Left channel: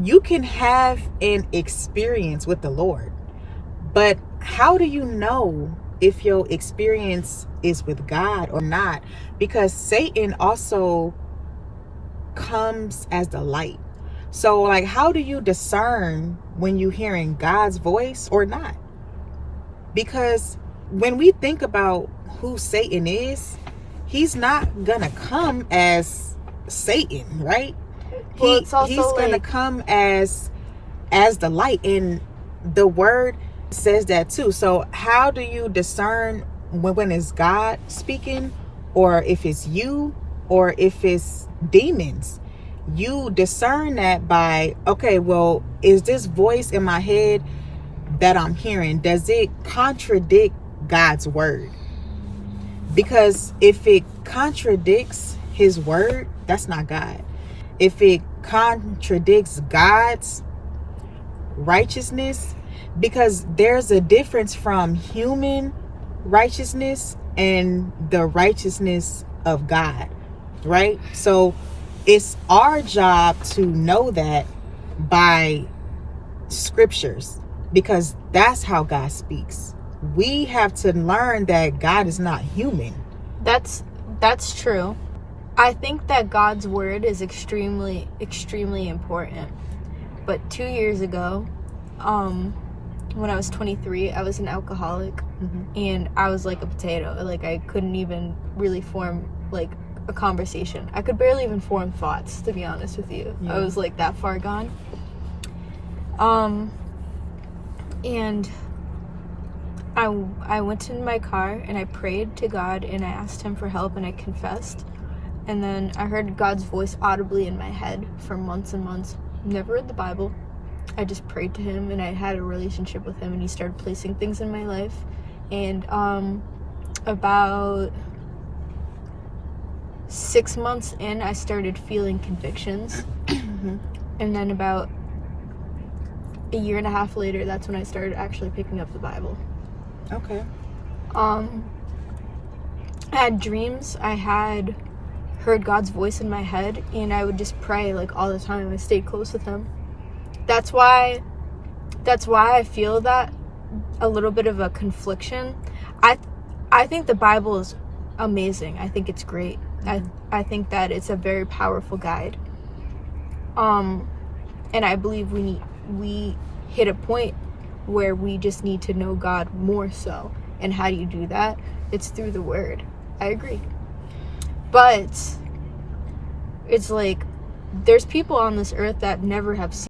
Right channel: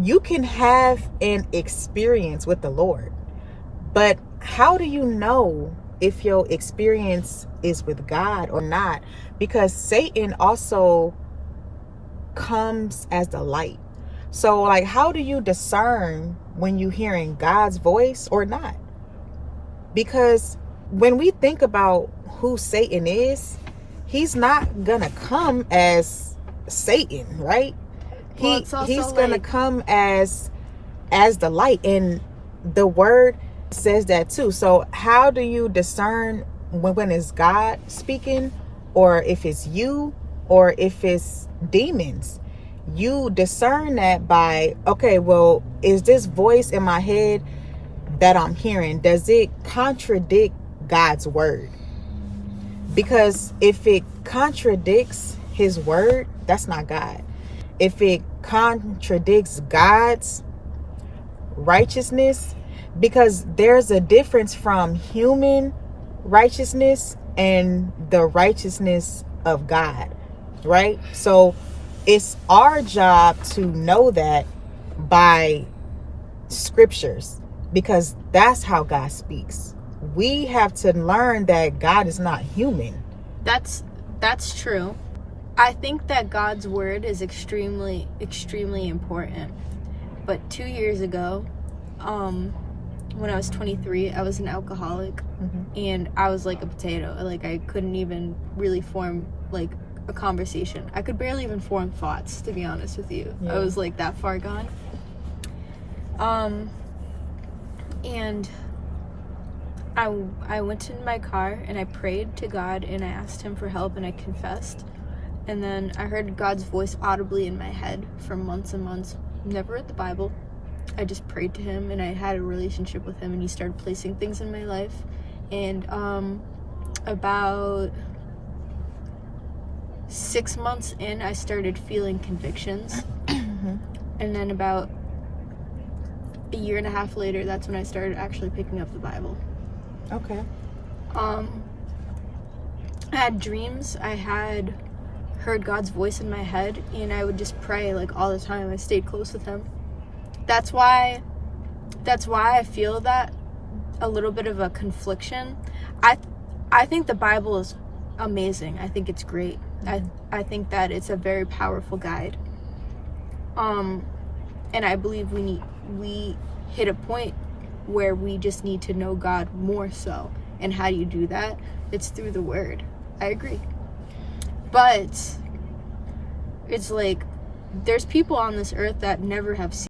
you can have an experience with the Lord, but how do you know if your experience is with God or not? Because Satan also comes as the light. So like, how do you discern when you're hearing God's voice or not? Because when we think about who Satan is, he's not gonna come as Satan, right? Well, it's also He's gonna like, come as the light, and the word says that too. So how do you discern when it's God speaking, or if it's you, or if it's demons? You discern that by, okay, well, is this voice in my head that I'm hearing, does it contradict God's word? Because if it contradicts his word, that's not God. If it contradicts God's righteousness, because there's a difference from human righteousness and the righteousness of God, right? So it's our job to know that by scriptures, because that's how God speaks. We have to learn that God is not human. that's true. I think that God's word is extremely important. But 2 years ago, when I was 23, I was an alcoholic, and I was like a potato. Like, I couldn't even really form like a conversation. I could barely even form thoughts, to be honest with you. Yeah. I was like that far gone. And I went in my car and I prayed to God and I asked him for help and I confessed. And then I heard God's voice audibly in my head for months and months. Never read the Bible. I just prayed to him and I had a relationship with him, and he started placing things in my life. And about 6 months in, I started feeling convictions. And then about a year and a half later, that's when I started actually picking up the Bible. Okay. I had dreams. I had heard God's voice in my head, and I would just pray like all the time. I stayed close with him. That's why I feel that a little bit of a confliction. I think the Bible is amazing. I think it's great. I think that it's a very powerful guide. And I believe we hit a point where we just need to know God more so. And how do you do that? It's through the word. I agree. But it's like, there's people on this earth that never have seen